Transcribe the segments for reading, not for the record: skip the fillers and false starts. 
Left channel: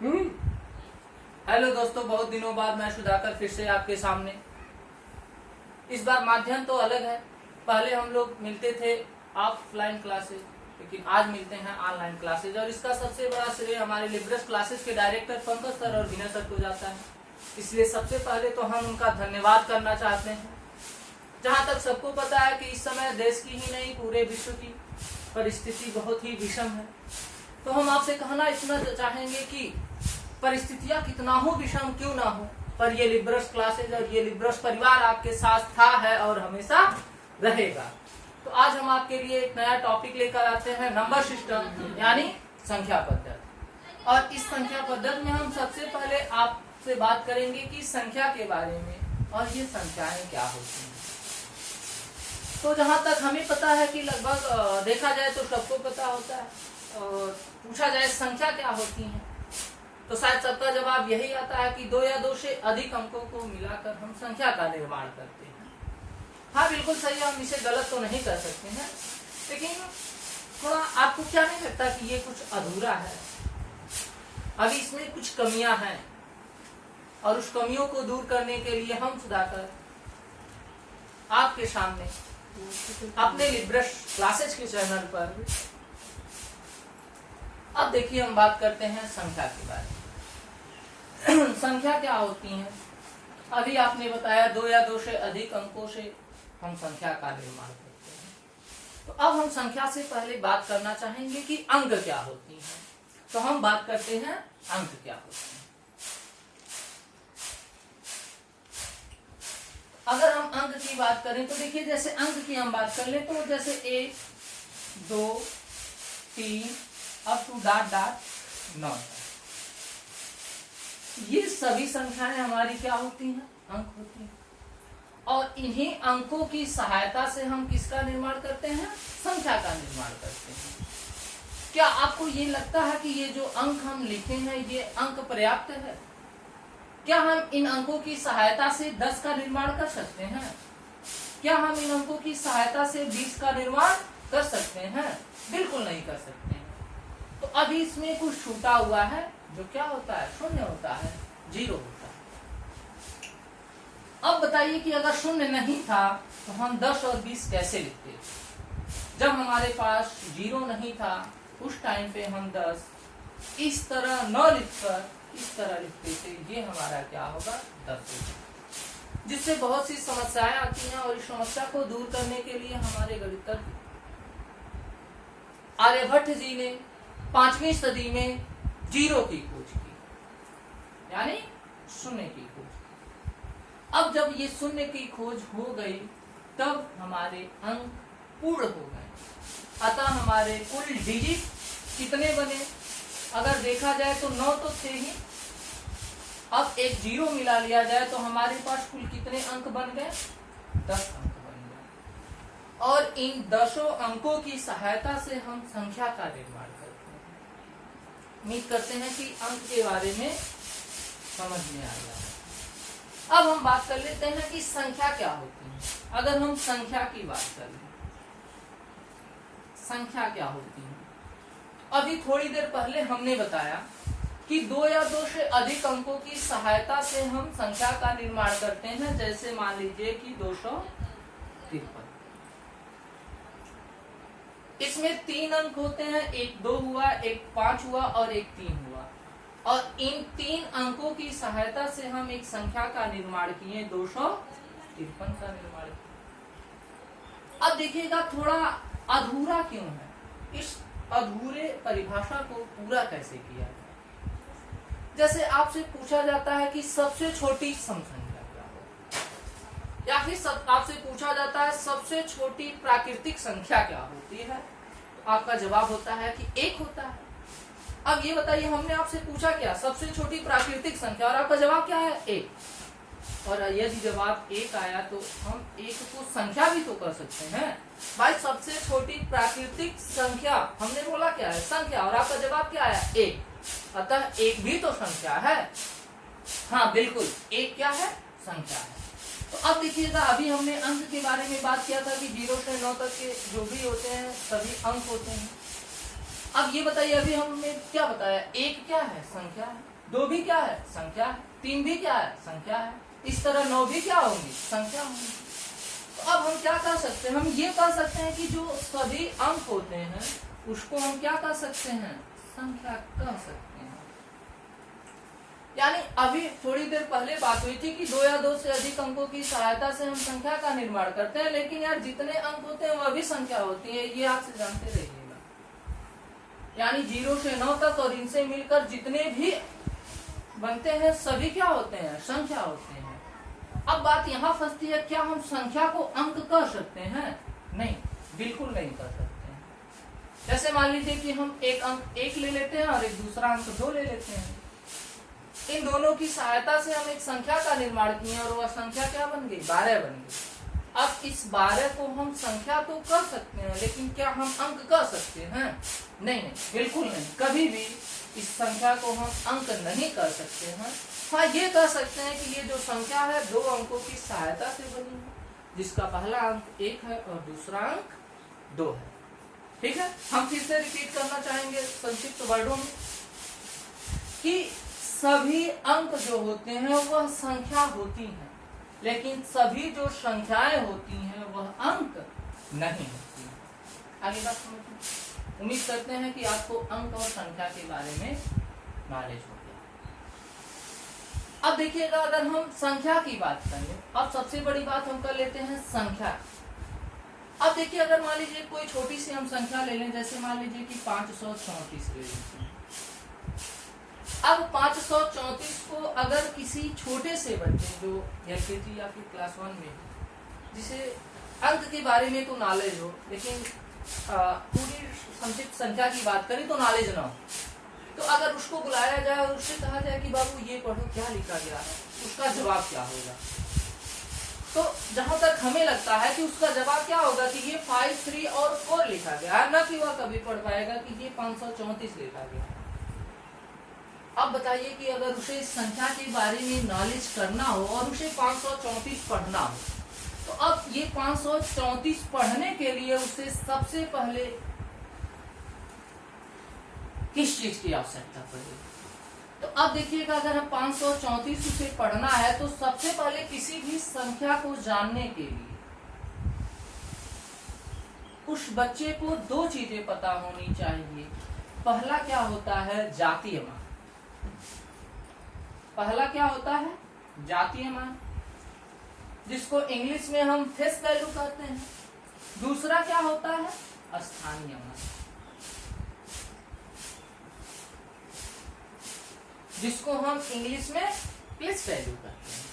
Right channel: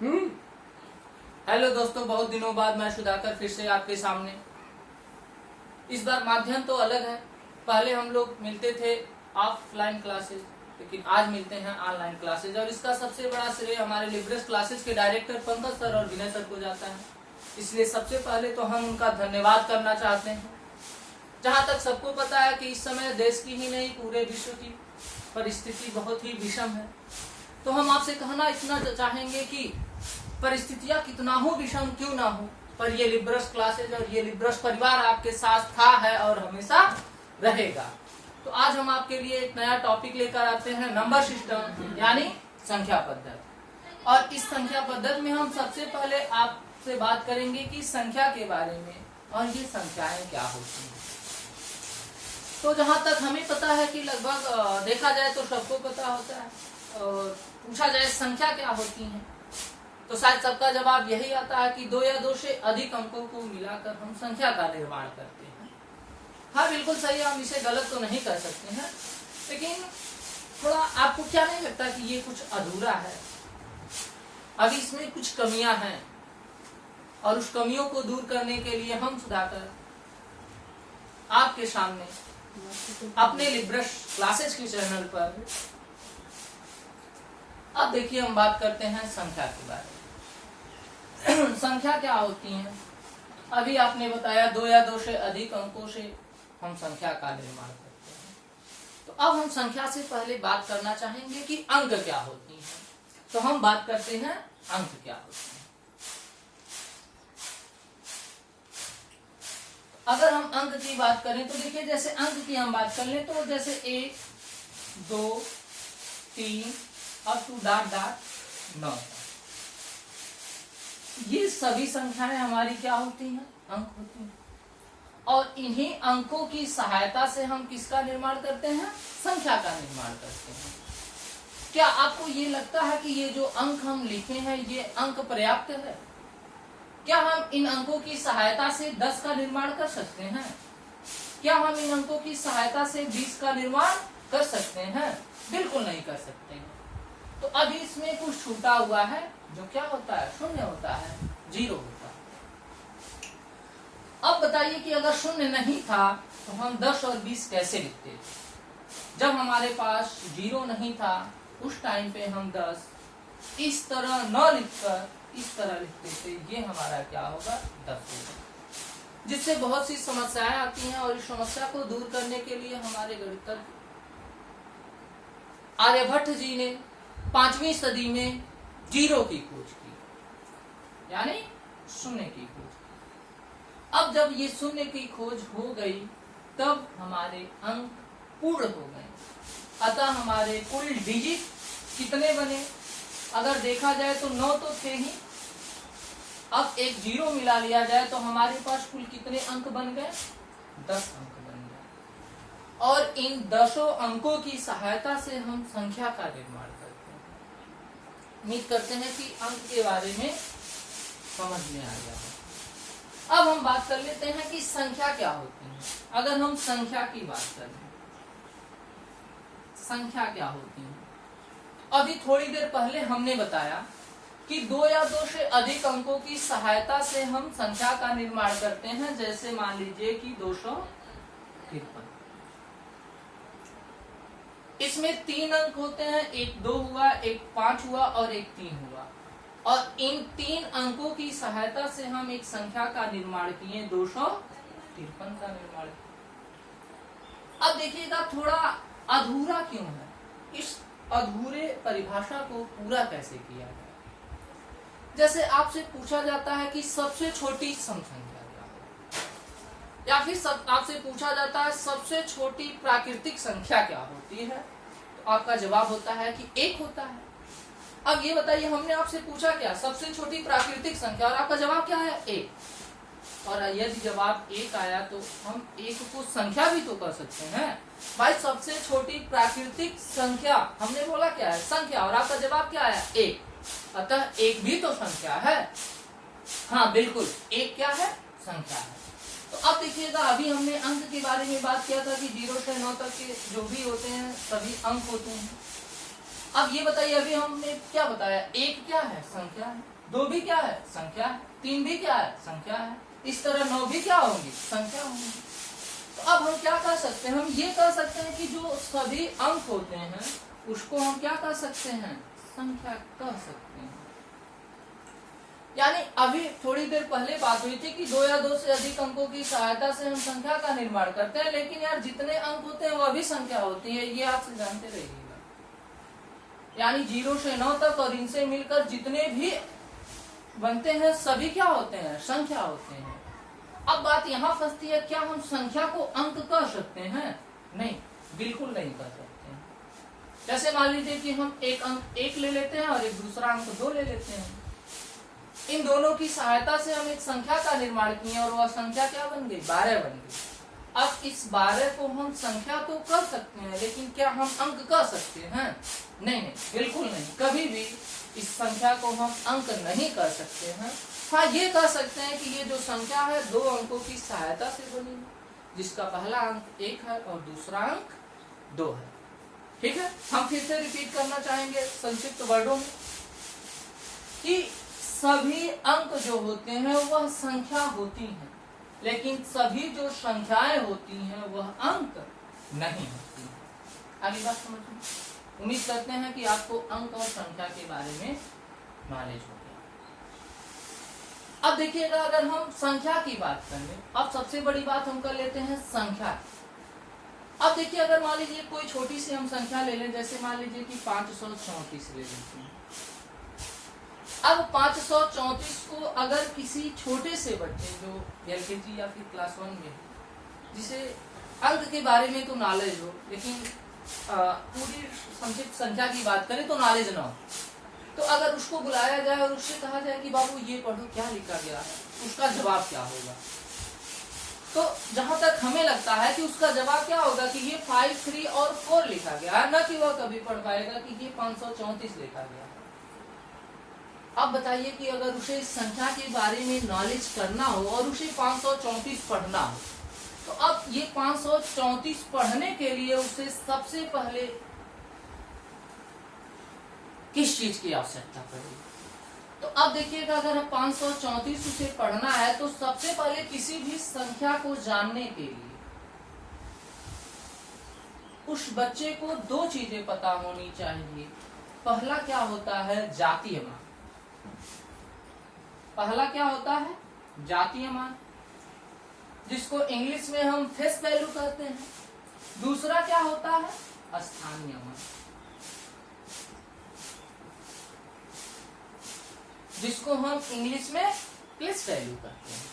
Hello दोस्तों, बहुत दिनों बाद मैं सुधाकर फिर से आपके सामने। इस बार माध्यम तो अलग है। पहले हम लोग मिलते थे ऑफलाइन क्लासेस, लेकिन आज मिलते हैं ऑनलाइन क्लासेस। और इसका सबसे बड़ा श्रेय हमारे लिब्रस क्लासेस के डायरेक्टर पंकज सर और विनय सर को जाता है। इसलिए सबसे पहले तो हम उनका धन्यवाद करना चाहते हैं। जहाँ तक सबको पता है कि इस समय देश की ही नहीं पूरे विश्व की परिस्थिति बहुत ही विषम है, तो हम आपसे कहना इतना चाहेंगे कि परिस्थितियां कितना हो विषम क्यों ना हो, पर ये लिब्रस क्लासेज और ये लिब्रस परिवार आपके साथ था, है और हमेशा रहेगा। तो आज हम आपके लिए एक नया टॉपिक लेकर आते हैं, नंबर सिस्टम यानी संख्या पद्धति। और इस संख्या पद्धति में हम सबसे पहले आपसे बात करेंगे कि संख्या के बारे में और ये संख्याएं क्या होती हैं। तो जहां तक हमें पता है कि लगभग देखा जाए तो सबको पता होता है, और पूछा जाए संख्या क्या होती है तो शायद सबका जवाब यही आता है कि दो या दो से अधिक अंकों को मिलाकर हम संख्या का निर्माण करते हैं। हाँ, बिल्कुल सही, हम इसे गलत तो नहीं कर सकते हैं, लेकिन थोड़ा आपको क्या नहीं लगता कि ये कुछ अधूरा है, अभी इसमें कुछ कमियां हैं, और उस कमियों को दूर करने के लिए हम सुधाकर आपके सामने अपने लिब्रस क्लासेस के चैनल पर अब देखिए हम बात करते हैं संख्या के बारे में। संख्या क्या होती है? अभी आपने बताया दो या दो से अधिक अंकों से हम संख्या का निर्माण करते हैं। तो अब हम संख्या से पहले बात करना चाहेंगे कि अंक क्या होती हैं। तो हम बात करते हैं अंक क्या होते हैं। अगर हम अंक की बात करें तो देखिए, जैसे अंक की हम बात कर ले तो जैसे 1, 2, 3 और 2 ये सभी संख्याएं हमारी क्या होती हैं? अंक होती हैं। और इन्हीं अंकों की सहायता से हम किसका निर्माण करते हैं? संख्या का निर्माण करते हैं। क्या आपको ये लगता है कि ये जो अंक हम लिखे हैं ये अंक पर्याप्त है? क्या हम इन अंकों की सहायता से 10 का निर्माण कर सकते हैं? क्या हम इन अंकों की सहायता से 20 का निर्माण कर सकते हैं? बिल्कुल नहीं कर सकते हैं। तो अभी इसमें कुछ छूटा हुआ है, जो क्या होता है? शून्य होता है, 0 होता है। अब बताइए कि अगर शून्य नहीं था तो हम 10 और 20 कैसे लिखते? जब हमारे पास 0 नहीं था उस टाइम पे हम 10 इस तरह न लिखकर इस तरह लिखते थे, ये हमारा क्या होगा? 10 होगा। जिससे बहुत सी समस्याएं आती हैं, और इस समस्या को दूर करने के लिए हमारे गणितज्ञ आर्यभट्ट जी ने 5वीं सदी में 0 की खोज की, यानी शून्य की खोज की। अब जब ये शून्य की खोज हो गई तब हमारे अंक पूर्ण हो गए। अतः हमारे कुल डिजिट कितने बने? अगर देखा जाए तो 9 तो थे ही, अब एक 0 मिला लिया जाए तो हमारे पास कुल कितने अंक बन गए? 10 अंक बन गए। और इन 10 अंकों की सहायता से हम संख्या का निर्माण करते हैं। उम्मीद करते हैं कि अंक के बारे में समझ में आ गया है। अब हम बात कर लेते हैं कि संख्या क्या होती है। अगर हम संख्या की बात करें, संख्या क्या होती है? अभी थोड़ी देर पहले हमने बताया कि 2 या 2 से अधिक अंकों की सहायता से हम संख्या का निर्माण करते हैं। जैसे मान लीजिए कि 253, इसमें 3 अंक होते हैं, एक 2 हुआ, एक 5 हुआ और एक 3 हुआ। और इन 3 अंकों की सहायता से हम एक संख्या का निर्माण किए, 253 का निर्माण किया। अब देखिएगा थोड़ा अधूरा क्यों है? इस अधूरे परिभाषा को पूरा कैसे किया जाए? जैसे आपसे पूछा जाता है कि सबसे छोटी सम संख्या क्या है, या फिर आपसे पूछा जाता है सबसे छोटी प्राकृतिक संख्या क्या होती है, तो आपका जवाब होता है कि 1 होता है। अब ये बताइए, हमने आपसे पूछा क्या? सबसे छोटी प्राकृतिक संख्या, और आपका जवाब क्या है? 1। और यदि जवाब 1 आया तो हम 1 को संख्या भी तो कर सकते हैं भाई। सबसे छोटी प्राकृतिक संख्या हमने बोला क्या है? संख्या। और आपका जवाब क्या आया? 1। अतः 1 भी तो संख्या है। हाँ बिल्कुल, 1 क्या है? संख्या है। तो अब देखिएगा, अभी हमने अंक के बारे में बात किया था कि 0 से 9 तक के जो भी होते हैं सभी अंक होते हैं। अब ये बताइए, अभी हमने क्या बताया, एक क्या है, संख्या है, दो भी क्या है, संख्या है, तीन भी क्या है, संख्या है, इस तरह नौ भी क्या होंगी, संख्या होंगी। तो अब हम क्या कर सकते हैं, हम ये कर सकते हैं कि जो सभी अंक होते हैं उसको हम क्या कर सकते हैं, संख्या कह सकते हैं। यानी अभी थोड़ी देर पहले बात हुई थी कि दो या दो से अधिक अंकों की सहायता से हम संख्या का निर्माण करते हैं, लेकिन यार जितने अंक होते हैं वह भी संख्या होती है, ये आपसे जानते रहिएगा। यानी 0 से 9 तक और इनसे मिलकर जितने भी बनते हैं सभी क्या होते हैं, संख्या होते हैं। अब बात यहाँ फंसती है, क्या हम संख्या को अंक कह सकते हैं? नहीं, बिल्कुल नहीं कह सकते हैं। जैसे मान लीजिए कि हम एक अंक 1 ले लेते हैं और एक दूसरा अंक 2 ले लेते हैं, इन दोनों की सहायता से हम एक संख्या का निर्माण किए और वह संख्या क्या बन गई, 12 बन गई। अब इस 12 को हम संख्या तो कर सकते हैं, लेकिन क्या हम अंक कर सकते हैं? नहीं नहीं, बिल्कुल नहीं, कभी भी इस संख्या को हम अंक नहीं कर सकते हैं। हाँ, ये कह सकते हैं कि ये जो संख्या है दो अंकों की सहायता से बनी है, जिसका पहला अंक 1 है और दूसरा अंक 2 है। ठीक है, हम फिर से रिपीट करना चाहेंगे संक्षिप्त वर्डों में कि सभी अंक जो होते हैं वह संख्या होती हैं, लेकिन सभी जो संख्याएं होती हैं वह अंक नहीं होती हैं। आगे बात समझिए। उम्मीद करते हैं कि आपको अंक और संख्या के बारे में नॉलेज हो गया। अब देखिएगा, अगर हम संख्या की बात करें, अब सबसे बड़ी बात हम कर लेते हैं संख्या। अब देखिए, अगर मान लीजिए कोई छोटी सी हम संख्या ले लें, जैसे मान लीजिए कि 534 ले लेते हैं। अब 534 को अगर किसी छोटे से बच्चे जो LKG या फिर क्लास 1 में, जिसे अंक के बारे में तो नॉलेज हो लेकिन पूरी संक्षिप्त संख्या की बात करें तो नॉलेज ना हो, तो अगर उसको बुलाया जाए और उससे कहा जाए कि बाबू ये पढ़ो क्या लिखा गया है, उसका जवाब क्या होगा? तो जहां तक हमें लगता है कि उसका जवाब क्या होगा कि ये 5, 3 और 4 लिखा गया है, न कि वह कभी पढ़ पाएगा कि ये 534 लिखा गया है। अब बताइए कि अगर उसे इस संख्या के बारे में नॉलेज करना हो और उसे 534 पढ़ना हो, तो अब ये 534 पढ़ने के लिए उसे सबसे पहले किस चीज की आवश्यकता पड़ेगी? तो अब देखिएगा, अगर 534 उसे पढ़ना है तो सबसे पहले किसी भी संख्या को जानने के लिए उस बच्चे को दो चीजें पता होनी चाहिए। पहला क्या होता है, जातीय मान। पहला क्या होता है, जातीय मान, जिसको इंग्लिश में हम फेस वैल्यू कहते हैं। दूसरा क्या होता है, स्थानीय मान, जिसको हम इंग्लिश में प्लेस वैल्यू कहते हैं।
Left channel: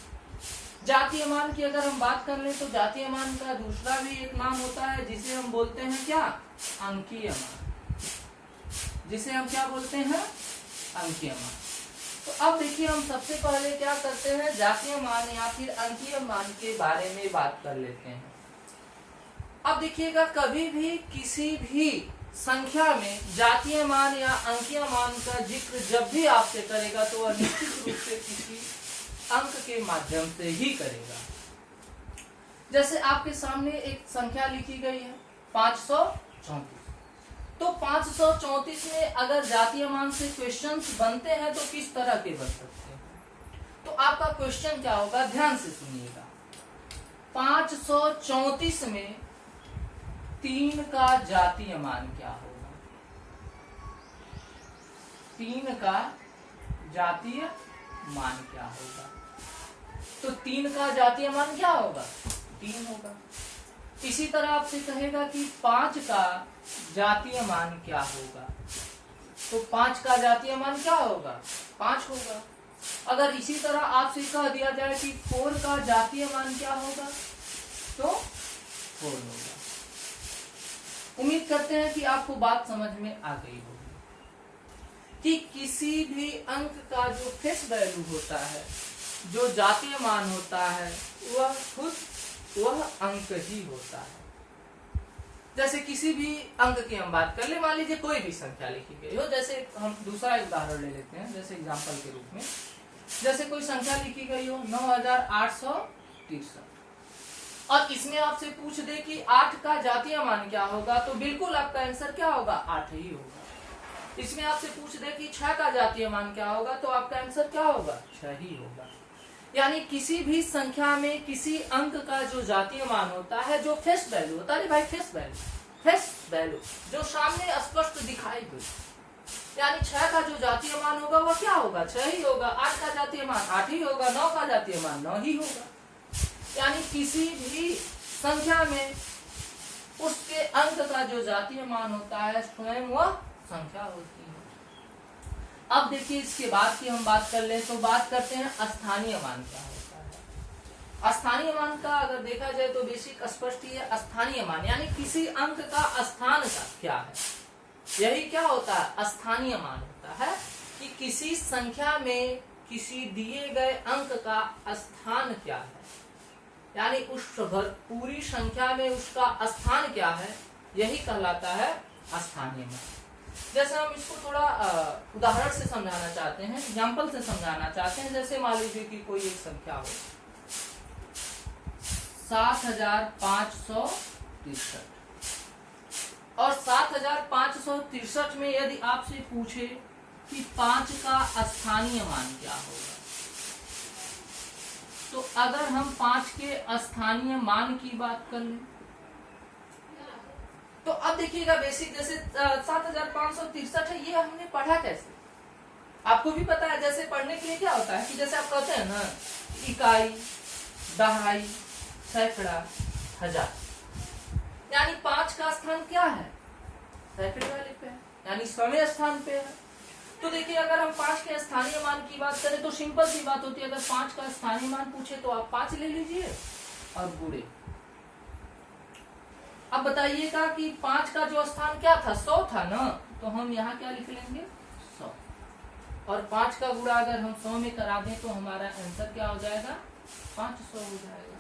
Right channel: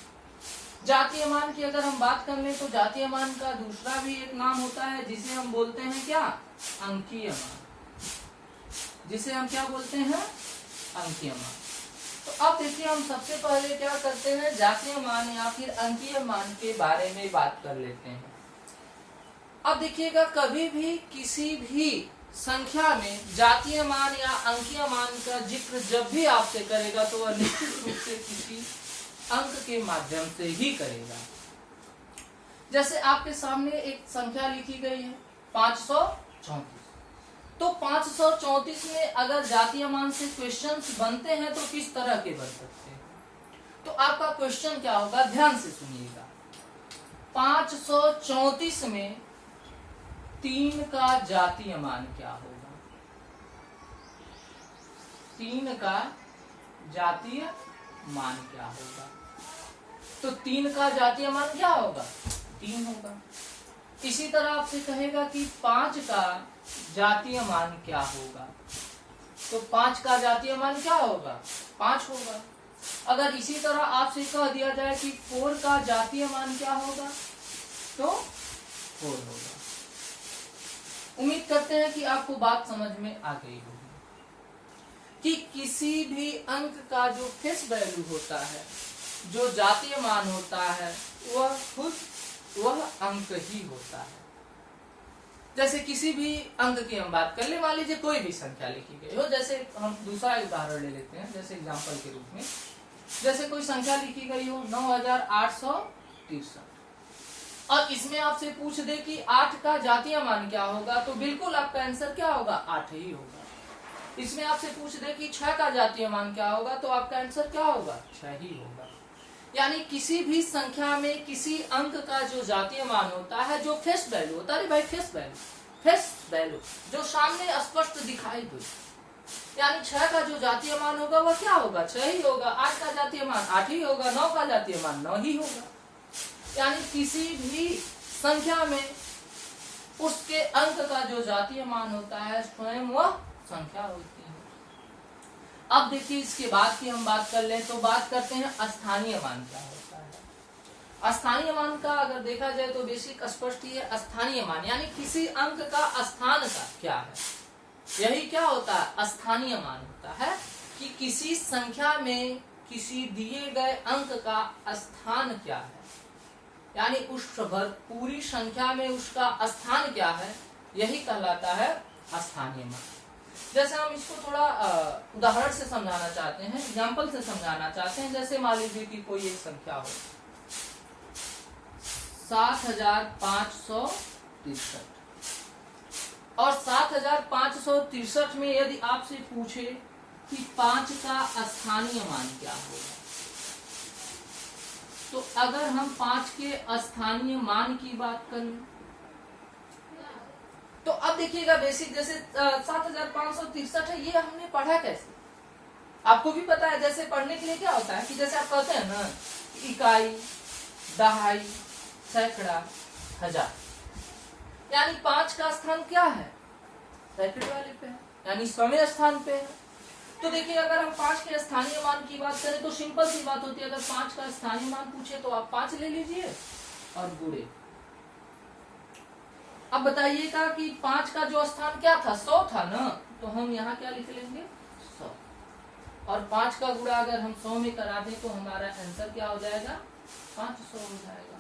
जातीय मान की अगर हम बात कर लें तो जातीय मान का दूसरा भी एक नाम होता है जिसे हम बोलते हैं क्या, अंकीय मान, जिसे हम क्या बोलते हैं, अंकीय मान। तो अब देखिए, हम सबसे पहले क्या करते हैं, जातीय मान या फिर अंकीय मान के बारे में बात कर लेते हैं। अब देखिएगा, कभी भी किसी भी संख्या में जातीय मान या अंकीय मान का जिक्र जब भी आपसे करेगा तो वह निश्चित रूप से किसी अंक के माध्यम से ही करेगा। जैसे आपके सामने एक संख्या लिखी गई है 534, तो 534 में अगर जातीय मान से क्वेश्चंस बनते हैं तो किस तरह के बन सकते हैं? तो आपका क्वेश्चन क्या होगा, ध्यान से सुनिएगा। 534 में 3 का जातीय मान क्या होगा? 3 का जातीय मान क्या होगा? तो 3 का जातीय मान क्या होगा, 3 होगा। इसी तरह आपसे कहेगा कि 5 का जातीय मान क्या होगा, तो 5 का जातीय मान क्या होगा, 5 होगा। अगर इसी तरह आपसे कह दिया जाए कि 4 का जातीय मान क्या होगा, तो 4 होगा। उम्मीद करते हैं कि आपको बात समझ में आ गई होगी कि किसी भी अंक का जो फेस वैल्यू होता है, जो जातीय मान होता है, वह अंक ही होता है। जैसे किसी भी अंक की हम बात कर ले, मान लीजिए कोई भी संख्या लिखी गई हो, जैसे हम दूसरा उदाहरण ले लेते हैं, जैसे एग्जांपल के रूप में, जैसे कोई संख्या लिखी गई हो 9863 और इसमें आपसे पूछ दे कि 8 का जातीय मान क्या होगा, तो बिल्कुल आपका आंसर क्या होगा, 8 ही होगा। इसमें आपसे पूछ दे कि 6 का जातीय मान क्या होगा, तो आपका आंसर क्या होगा, 6 ही होगा। यानी किसी भी संख्या में किसी अंक का जो जातीय मान होता है, जो फेस वैल्यू होता है, भाई फेस वैल्यू जो सामने स्पष्ट दिखाई दे, यानी 6 का जो जातीय मान होगा वह क्या होगा, 6 ही होगा। 8 का जातीय मान 8 ही होगा। 9 का जातीय मान 9 ही होगा। यानी किसी भी संख्या में उसके अंक का जो जातीय मान होता है स्वयं वह संख्या होती है। अब देखिए इसके बाद की हम बात कर लें तो बात करते हैं स्थानीय मान क्या होता है। स्थानीय मान का अगर देखा जाए तो बेसिक स्पष्ट ही है। स्थानीय मान यानी किसी अंक का स्थान का क्या है, यही क्या होता है, स्थानीय मान होता है कि किसी संख्या में किसी दिए गए अंक का स्थान क्या है, यानी उस पूरी संख्या में उसका स्थान क्या है, यही कहलाता है स्थानीय मान। जैसे हम इसको थोड़ा उदाहरण से समझाना चाहते हैं, एग्जाम्पल से समझाना चाहते हैं। जैसे मान लीजिए कि कोई एक संख्या हो 7563 और 7563 में यदि आपसे पूछे कि 5 का स्थानीय मान क्या होगा, तो अगर हम 5 के स्थानीय मान की बात करें तो अब देखिएगा बेसिक जैसे 7563 है, ये हमने पढ़ा कैसे, आपको भी पता है। जैसे पढ़ने के लिए क्या होता है कि जैसे आप कहते हैं ना इकाई, दहाई, सैकड़ा, हजार, यानी 5 का स्थान क्या है, सैकड़े वाले पे है, यानी 100वें स्थान पे है। तो देखिए अगर हम 5 के स्थानीय मान की बात करें तो सिंपल सी बात होती है, अगर 5 का स्थानीय मान पूछे तो आप 5 ले लीजिए और गुणे। अब बताइएगा कि 5 का जो स्थान क्या था, 100 था ना, तो हम यहाँ क्या लिख लेंगे, 100, और 5 का गुणा अगर हम 100 में करा दें तो हमारा आंसर क्या हो जाएगा, 500 हो जाएगा।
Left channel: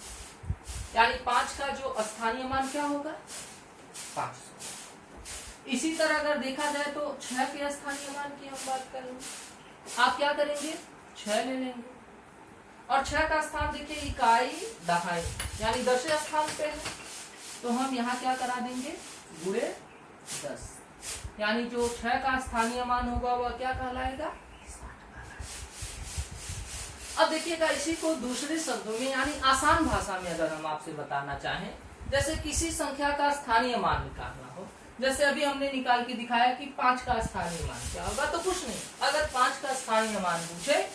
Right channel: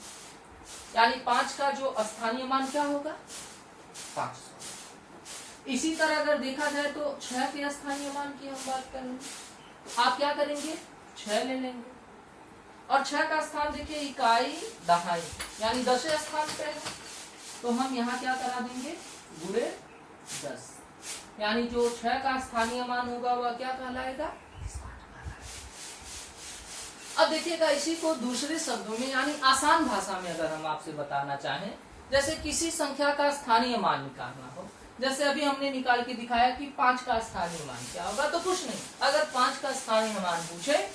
यानी 5 का जो स्थानीय मान क्या होगा, 500। इसी तरह अगर देखा जाए तो 6 के स्थानीय मान की हम बात करेंगे, आप क्या करेंगे, 6 ले लेंगे, और 6 का स्थान देखिए इकाई, दहाई, यानी 10वें स्थान पे है, तो हम यहाँ क्या करा देंगे, गुणे 10, यानी जो 6 का स्थानीय मान होगा वह क्या कहलाएगा, 60 कहलाएगा। अब देखिएगा इसी को दूसरे शब्दों में यानी आसान भाषा में अगर हम आपसे बताना चाहें, जैसे किसी संख्या का स्थानीय मान निकालना हो, जैसे अभी हमने निकाल के दिखाया कि 5 का स्थानीय मान क्या होगा, तो कुछ नहीं, अगर 5 का स्थानीय मान पूछे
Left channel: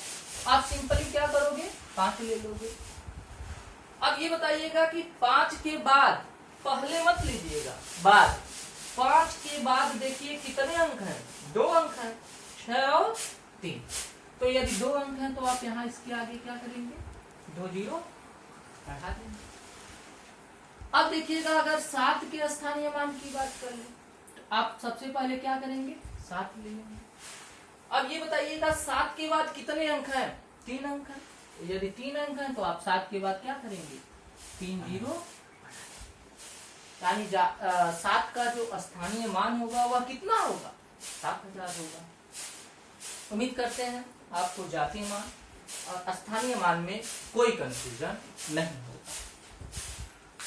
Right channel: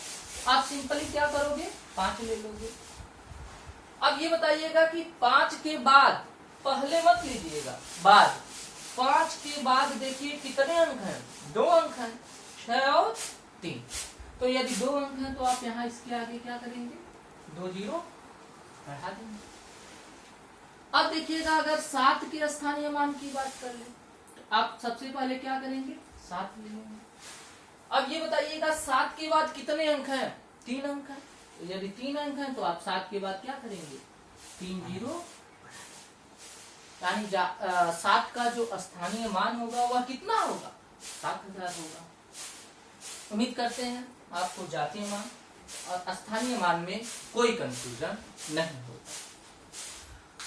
आप सिंपली क्या करोगे, 5 ले लोगे। अब ये बताइएगा कि 5 के बाद पहले मत लीजिएगा, बाद 5 के बाद देखिए कितने अंक हैं, 2 अंक हैं, 6 और 3। तो यदि 2 अंक हैं तो आप यहाँ इसके आगे क्या करेंगे, 2 जीरो बढ़ा देंगे। अब देखिएगा अगर 7 के स्थानीय मान की बात कर ले तो आप सबसे पहले क्या करेंगे, 7 ले लेंगे। अब ये बताइएगा 7 के बाद कितने अंक हैं, 3 अंक हैं, तो यदि 3 अंक हैं तो आप 7 के बाद क्या करेंगे, 3 जीरो, यानी 7 का जो स्थानीय मान होगा वह कितना होगा, 7000 होगा। उम्मीद करते हैं आपको जातीय मान और स्थानीय मान में कोई कंफ्यूजन नहीं होगा।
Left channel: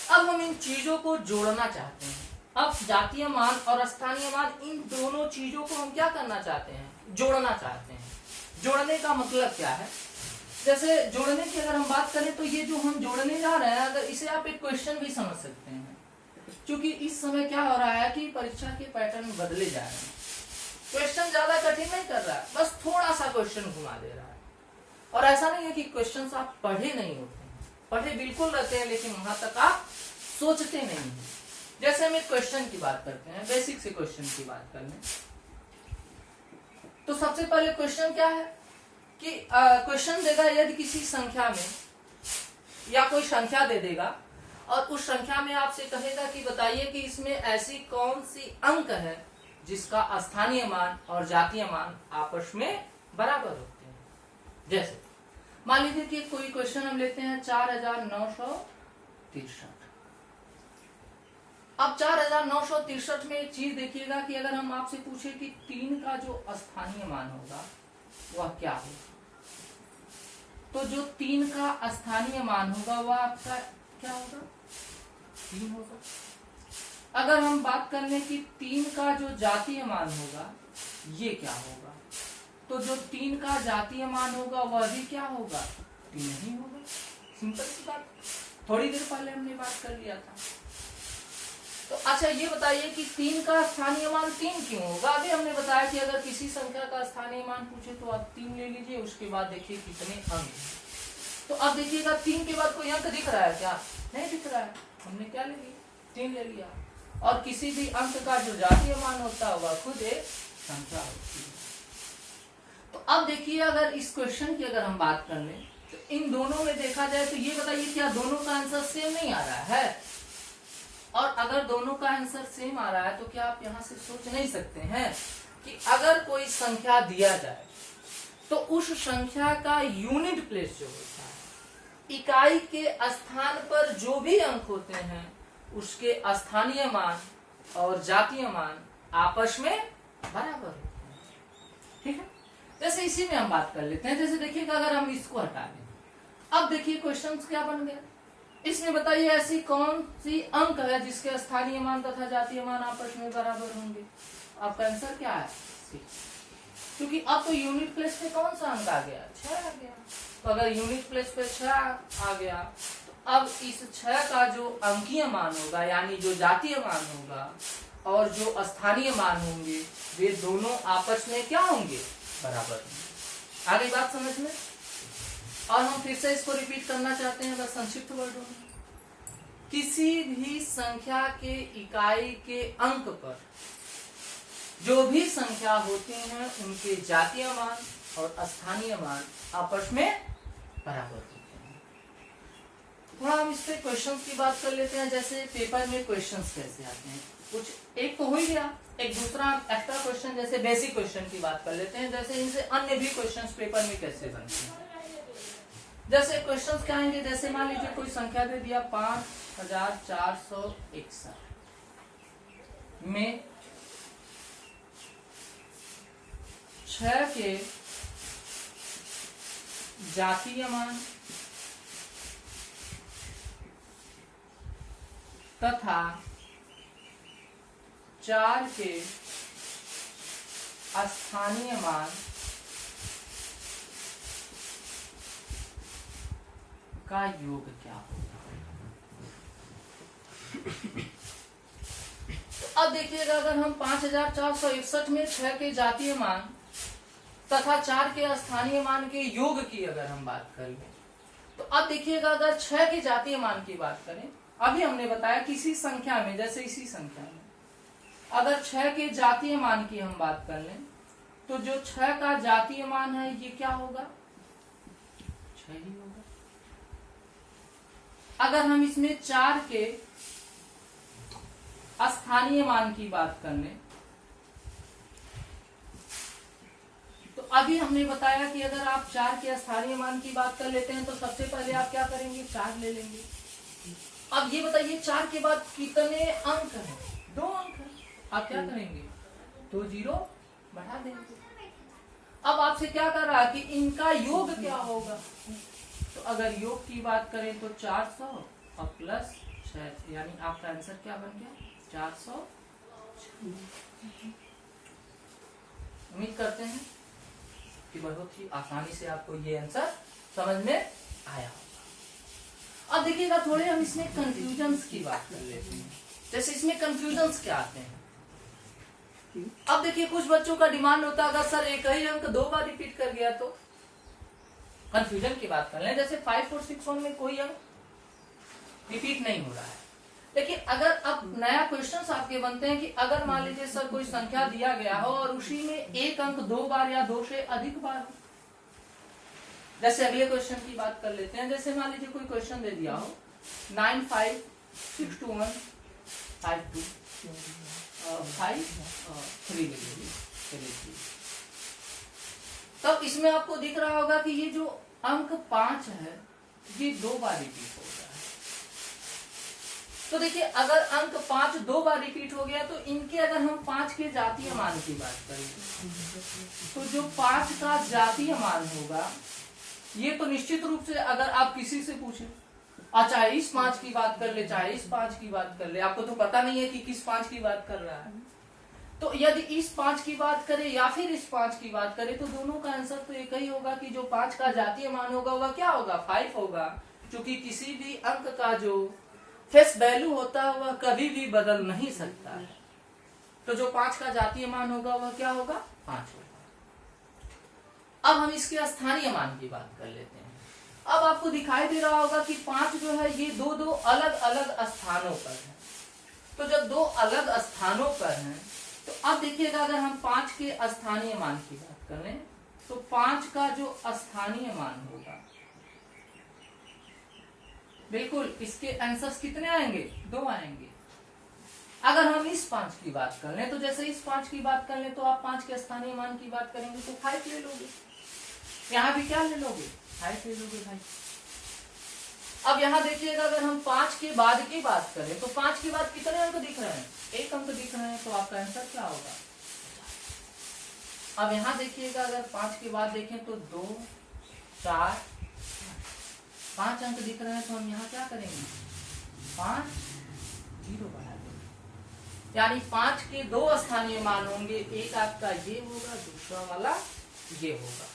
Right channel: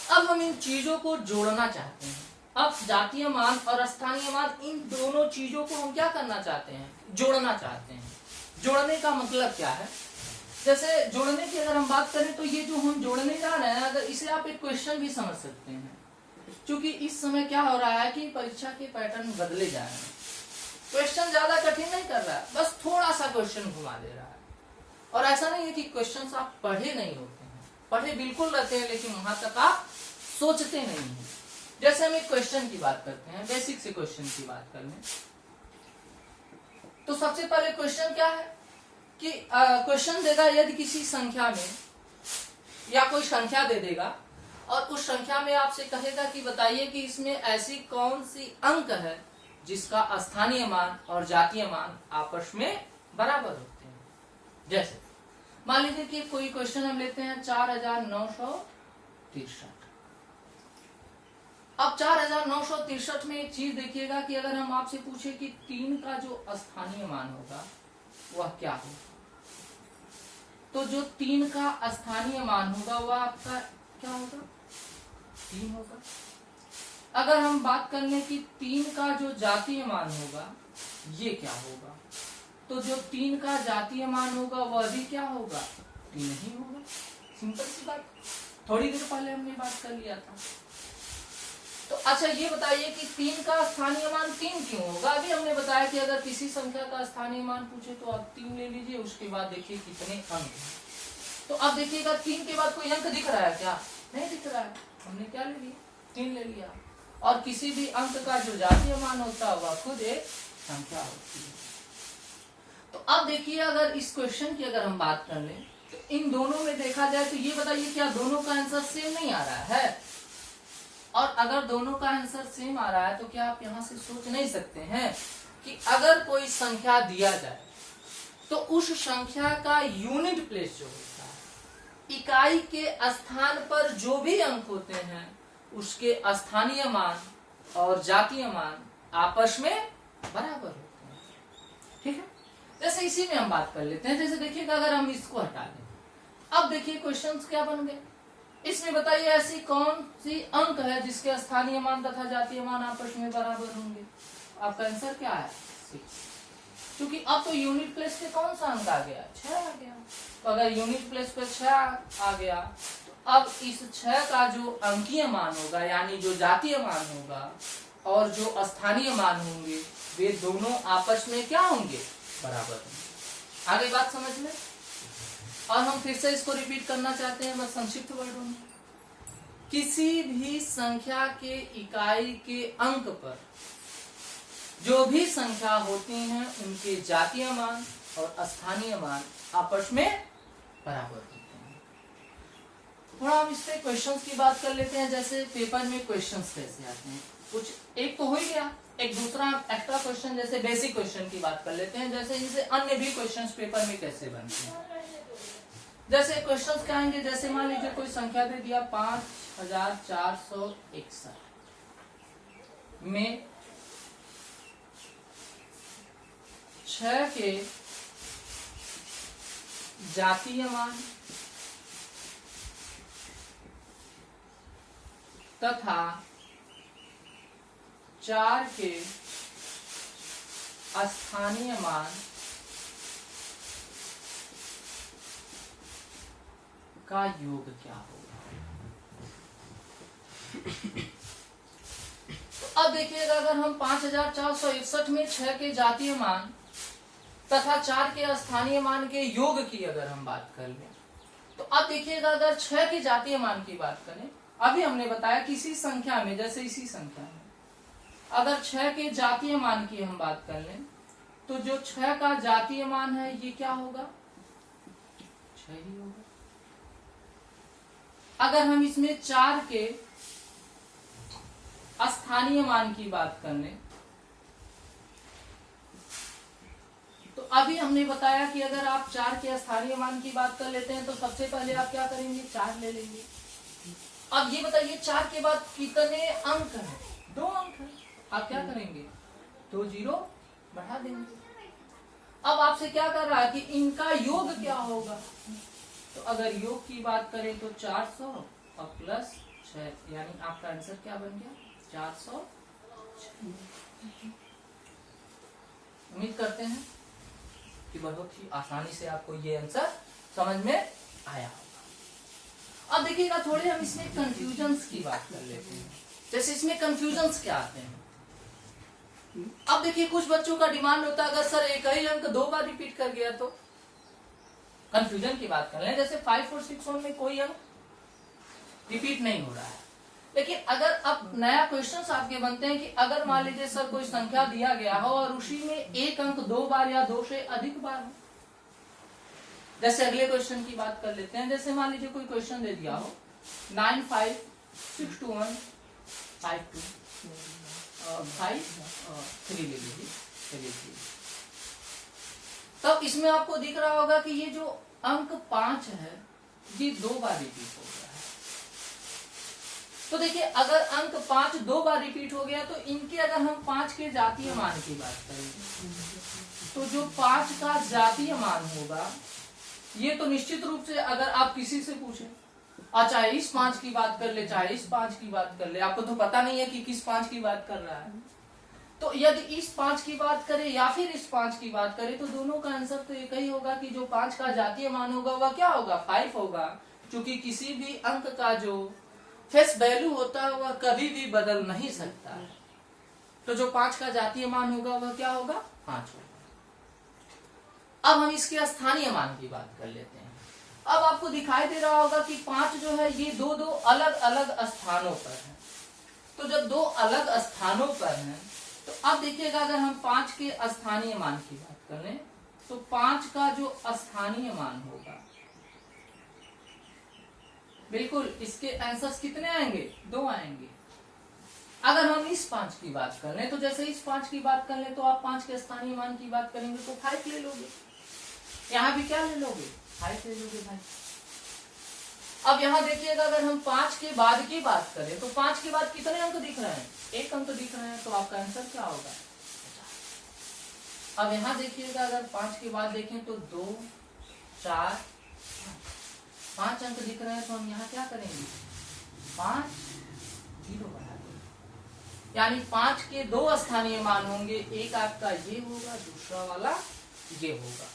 अब हम इन चीजों को जोड़ना चाहते हैं। अब जातीय मान और स्थानीय मान, इन दोनों चीजों को हम क्या करना चाहते हैं, जोड़ना चाहते हैं। जोड़ने का मतलब क्या है, जैसे जोड़ने की अगर हम बात करें तो ये जो हम जोड़ने जा रहे हैं, अगर इसे आप एक क्वेश्चन भी समझ सकते हैं, क्योंकि इस समय क्या हो रहा है कि परीक्षा के पैटर्न बदले जा रहे हैं। क्वेश्चन ज्यादा कठिन नहीं कर रहा है, बस थोड़ा सा क्वेश्चन घुमा दे रहा है। और ऐसा नहीं है कि क्वेश्चन आप पढ़े नहीं होते हैं, पढ़े बिल्कुल रहते हैं, लेकिन वहां तक आप सोचते नहीं हैं। जैसे हम एक क्वेश्चन की बात करते हैं, बेसिक से क्वेश्चन की बात कर लें तो सबसे पहले क्वेश्चन क्या है कि क्वेश्चन देगा यदि किसी संख्या में, या कोई संख्या दे देगा और उस संख्या में आपसे कहेगा कि बताइए कि इसमें ऐसी कौन सी अंक है जिसका स्थानीय मान और जातीय मान आपस में बराबर होते हैं। जैसे मान लीजिए कि कोई क्वेश्चन हम लेते हैं 4963। अब 4963 में एक चीज देखिएगा कि अगर हम आपसे पूछे कि 3 का जो स्थानीय मान होगा वह क्या होगा, तो जो 3 का स्थानीय मान होगा वह आपका क्या होगा, 3 होगा। अगर हम बात कर लें कि 3 का जो जातीय मान होगा ये क्या होगा, तो जो 3 का जातीय मान होगा वह भी क्या होगा, 3 ही होगा। सिंपल सी बात, थोड़ी देर पहले हमने बात कर लिया था। तो अच्छा ये बताइए कि 3 का स्थानीय मान 3 क्यों होगा। अभी हमने बताया कि अगर किसी संख्या का स्थानीय मान पूछे तो आप 3 ले लीजिए, उसके बाद देखिए कितने अंक हैं। तो अब देखिएगा 3 के बाद कोई अंक दिख रहा है क्या, नहीं दिख रहा है, हमने क्या ले लिया, 3 ले लिया। और किसी भी अंक का जो जातीय मान होता है वह खुद एक संख्या होती है। तो अब देखिए अगर इस क्वेश्चन की अगर हम बात कर लें तो इन दोनों में देखा जाए तो ये बताइए क्या दोनों का आंसर सेम नहीं आ रहा है। और अगर दोनों का आंसर सेम आ रहा है तो क्या आप यहाँ से सोच नहीं सकते हैं कि अगर कोई संख्या दिया जाए तो उस संख्या का यूनिट प्लेस जो होता है, इकाई के स्थान पर जो भी अंक होते हैं उसके स्थानीय मान और जातीय मान आपस में बराबर होते हैं। ठीक है, जैसे इसी में हम बात कर लेते हैं। जैसे देखिएगा अगर हम इसको हटा दें, अब देखिए क्वेश्चन क्या बन गया, इसमें बताइए ऐसी कौन सी अंक है जिसके स्थानीय मान तथा जातीय मान आपस में बराबर होंगे। आपका आंसर क्या है, 6। क्योंकि अब तो यूनिट प्लेस पे कौन सा अंक आ गया, 6 आ गया। तो अगर यूनिट प्लेस पे 6 आ गया तो अब इस 6 का जो अंकीय मान होगा यानी जो जातीय मान होगा और जो स्थानीय मान होंगे वे दोनों आपस में क्या होंगे, बराबर होंगे। आगे बात समझ में। और हम फिर से इसको रिपीट करना चाहते हैं बस संक्षिप्त वर्डों में। किसी भी संख्या के इकाई के अंक पर जो भी संख्या होती हैं उनके जातीय मान और स्थानीय मान आपस में बराबर होते हैं। थोड़ा हम इस पे क्वेश्चंस की बात कर लेते हैं। जैसे पेपर में क्वेश्चंस कैसे आते हैं, कुछ एक तो हो ही गया, एक दूसरा एक्स्ट्रा क्वेश्चन जैसे बेसिक क्वेश्चन की बात कर लेते हैं। जैसे इनसे अन्य भी क्वेश्चंस पेपर में कैसे बनते हैं। जैसे क्वेश्चंस क्या आएंगे, जैसे मान लीजिए कोई संख्या दे दिया 5461 में 6 के जातीय मान तथा 4 के स्थानीय मान का योग क्या होगा। तो अब देखिएगा अगर हम 5461 में 6 के जातीय मान तथा 4 के स्थानीय मान के योग की अगर हम बात कर लें तो अब देखिएगा अगर 6 के जातीय मान की बात करें, अभी हमने बताया किसी संख्या में, जैसे इसी संख्या में अगर 6 के जातीय मान की हम बात कर लें तो जो 6 का जातीय मान है ये क्या होगा, 6 ही होगा। अगर हम इसमें 4 के स्थानीय मान की बात कर लें तो अभी हमने बताया कि अगर आप 4 के स्थानीय मान की बात कर लेते हैं तो सबसे पहले आप क्या करेंगे, 4 ले लेंगे। अब ये बताइए 4 के बाद कितने अंक हैं, 2 अंक हैं। आप क्या करेंगे, 2 जीरो बढ़ा देंगे। अब आपसे क्या कर रहा है कि इनका योग क्या होगा, तो अगर योग की बात करें तो 400 और प्लस 6 यानी आपका आंसर क्या बन गया, 400। उम्मीद करते हैं कि बहुत ही आसानी से आपको ये आंसर समझ में आया होगा। अब देखिएगा थोड़े हम इसमें कंफ्यूजन्स की बात कर लेते हैं। जैसे इसमें कंफ्यूजन्स क्या आते हैं। अब देखिए कुछ बच्चों का डिमांड होता है अगर सर एक ही अंक 2 बार रिपीट कर गया तो कंफ्यूजन की बात कर लें। जैसे 5461 में कोई अंक रिपीट नहीं हो रहा है, लेकिन अगर अब नया क्वेश्चन आपके बनते हैं कि अगर मान लीजिए सर कोई संख्या दिया गया हो और उसी में एक अंक 2 बार या 2 से अधिक बार हो। जैसे अगले क्वेश्चन की बात कर लेते हैं। जैसे मान लीजिए कोई क्वेश्चन दे दिया हो 95621553 ले लीजिए। तब इसमें आपको दिख रहा होगा कि ये जो अंक 5 है ये 2 बार रिपीट हो गया है। तो देखिए अगर अंक 5 2 बार रिपीट हो गया तो इनके अगर हम 5 के जातीय मान की बात करेंगे तो जो 5 का जातीय मान होगा ये तो निश्चित रूप से अगर आप किसी से पूछें चाहे इस 5 की बात कर ले चाहे इस 5 की बात कर ले, आपको तो पता नहीं है कि किस 5 की बात कर रहा है। तो यदि इस 5 की बात करें या फिर इस 5 की बात करें तो दोनों का आंसर तो एक ही होगा कि जो 5 का जातीय मान होगा वह क्या होगा 5 होगा, क्योंकि किसी भी अंक का जो फेस वैल्यू होता है वह कभी भी बदल नहीं सकता है। तो जो 5 का जातीय मान होगा वह क्या होगा 5 होगा। अब हम इसके स्थानीय मान की बात कर लेते हैं। अब आपको दिखाई दे रहा होगा कि 5 जो है ये दो दो अलग अलग स्थानों पर है। तो जब दो अलग स्थानों पर हैं तो अब देखिएगा अगर हम 5 के स्थानीय मान की बात कर लें तो 5 का जो स्थानीय मान होगा बिल्कुल इसके आंसर्स कितने आएंगे 2 आएंगे। अगर हम इस 5 की बात कर लें तो जैसे इस 5 की बात कर लें तो आप 5 के स्थानीय मान की बात करेंगे तो 5 ले लोगे, यहाँ भी क्या ले लोगे 5 ले लोगे भाई। अब यहाँ देखिएगा अगर हम 5 के बाद की बात करें तो 5 के बाद कितने अंक दिख रहे हैं 1 अंक दिख रहे हैं, तो आपका आंसर क्या होगा। अब यहाँ देखिएगा अगर 5 के बाद देखें तो 2 4 5 अंक दिख रहे हैं, तो हम यहाँ क्या करेंगे 5 0 बढ़ा देंगे, यानी 5 के 2 स्थानीय मान होंगे, एक आपका ये होगा दूसरा वाला ये होगा।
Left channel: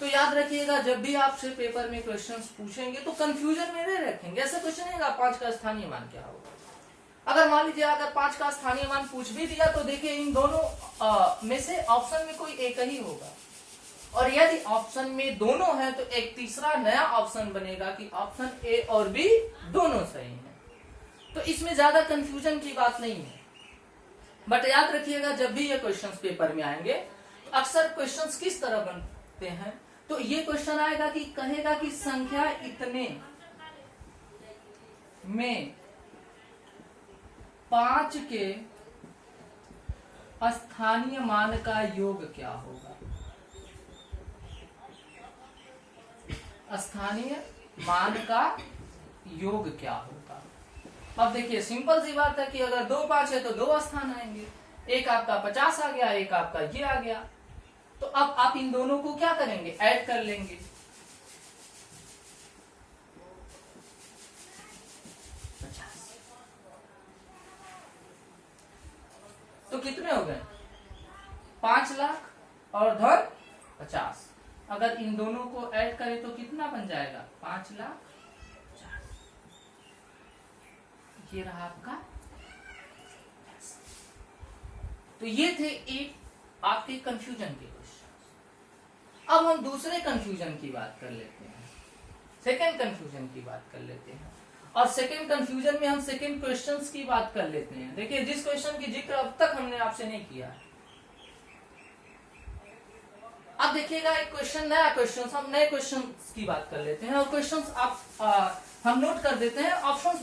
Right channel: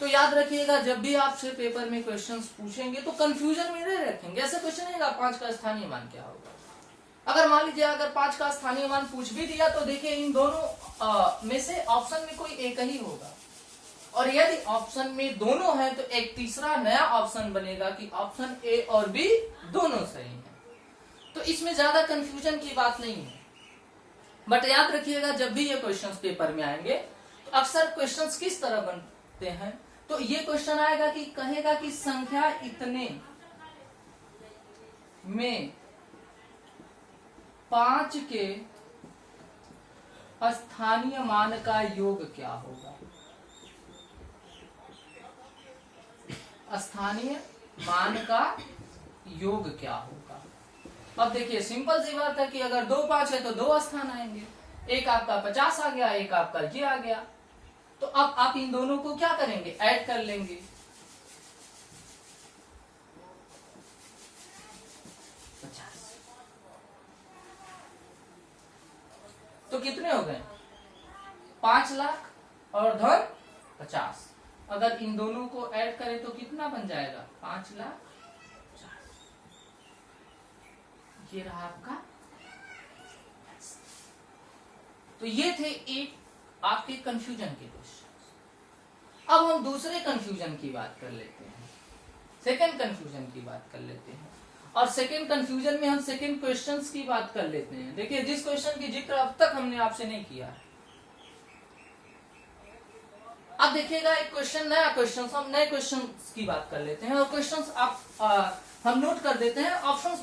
तो याद रखिएगा जब भी आपसे पेपर में क्वेश्चंस पूछेंगे तो कंफ्यूजन में नहीं रखेंगे। ऐसे क्वेश्चन है 5 का स्थानीय मान क्या होगा। अगर मान लीजिए अगर 5 का स्थानीय मान पूछ भी दिया तो देखिए इन दोनों में से ऑप्शन में कोई एक ही होगा, और यदि ऑप्शन में दोनों है तो एक तीसरा नया ऑप्शन बनेगा कि ऑप्शन ए और बी दोनों सही है। तो इसमें ज्यादा कंफ्यूजन की बात नहीं है। बट याद रखिएगा जब भी ये क्वेश्चंस पेपर में आएंगे तो अक्सर क्वेश्चंस किस तरह बनते हैं, तो ये क्वेश्चन आएगा कि कहेगा कि संख्या इतने में 5 के स्थानीय मान का योग क्या होगा। स्थानीय मान का योग क्या होगा। अब देखिए सिंपल सी बात है कि अगर 2 5 है तो 2 स्थान आएंगे, एक आपका 50 आ गया, एक आपका ये आ गया। तो अब आप इन दोनों को क्या करेंगे ऐड कर लेंगे। तो कितने हो गए 5 लाख और धन 50। अगर इन दोनों को ऐड करें तो कितना बन जाएगा 5 लाख 50। ये रहा आपका। तो ये थे एक आपके कंफ्यूजन के क्वेश्चन। अब हम दूसरे कंफ्यूजन की बात कर लेते हैं, सेकंड कंफ्यूजन की बात कर लेते हैं। और सेकंड कंफ्यूजन में हम सेकंड क्वेश्चंस की बात कर लेते हैं। देखिए जिस क्वेश्चन की जिक्र अब तक हमने आपसे नहीं किया है, अब देखिएगा एक क्वेश्चन नया क्वेश्चन, हम नए क्वेश्चन की बात कर लेते हैं और क्वेश्चन आप हम नोट कर देते हैं, ऑप्शंस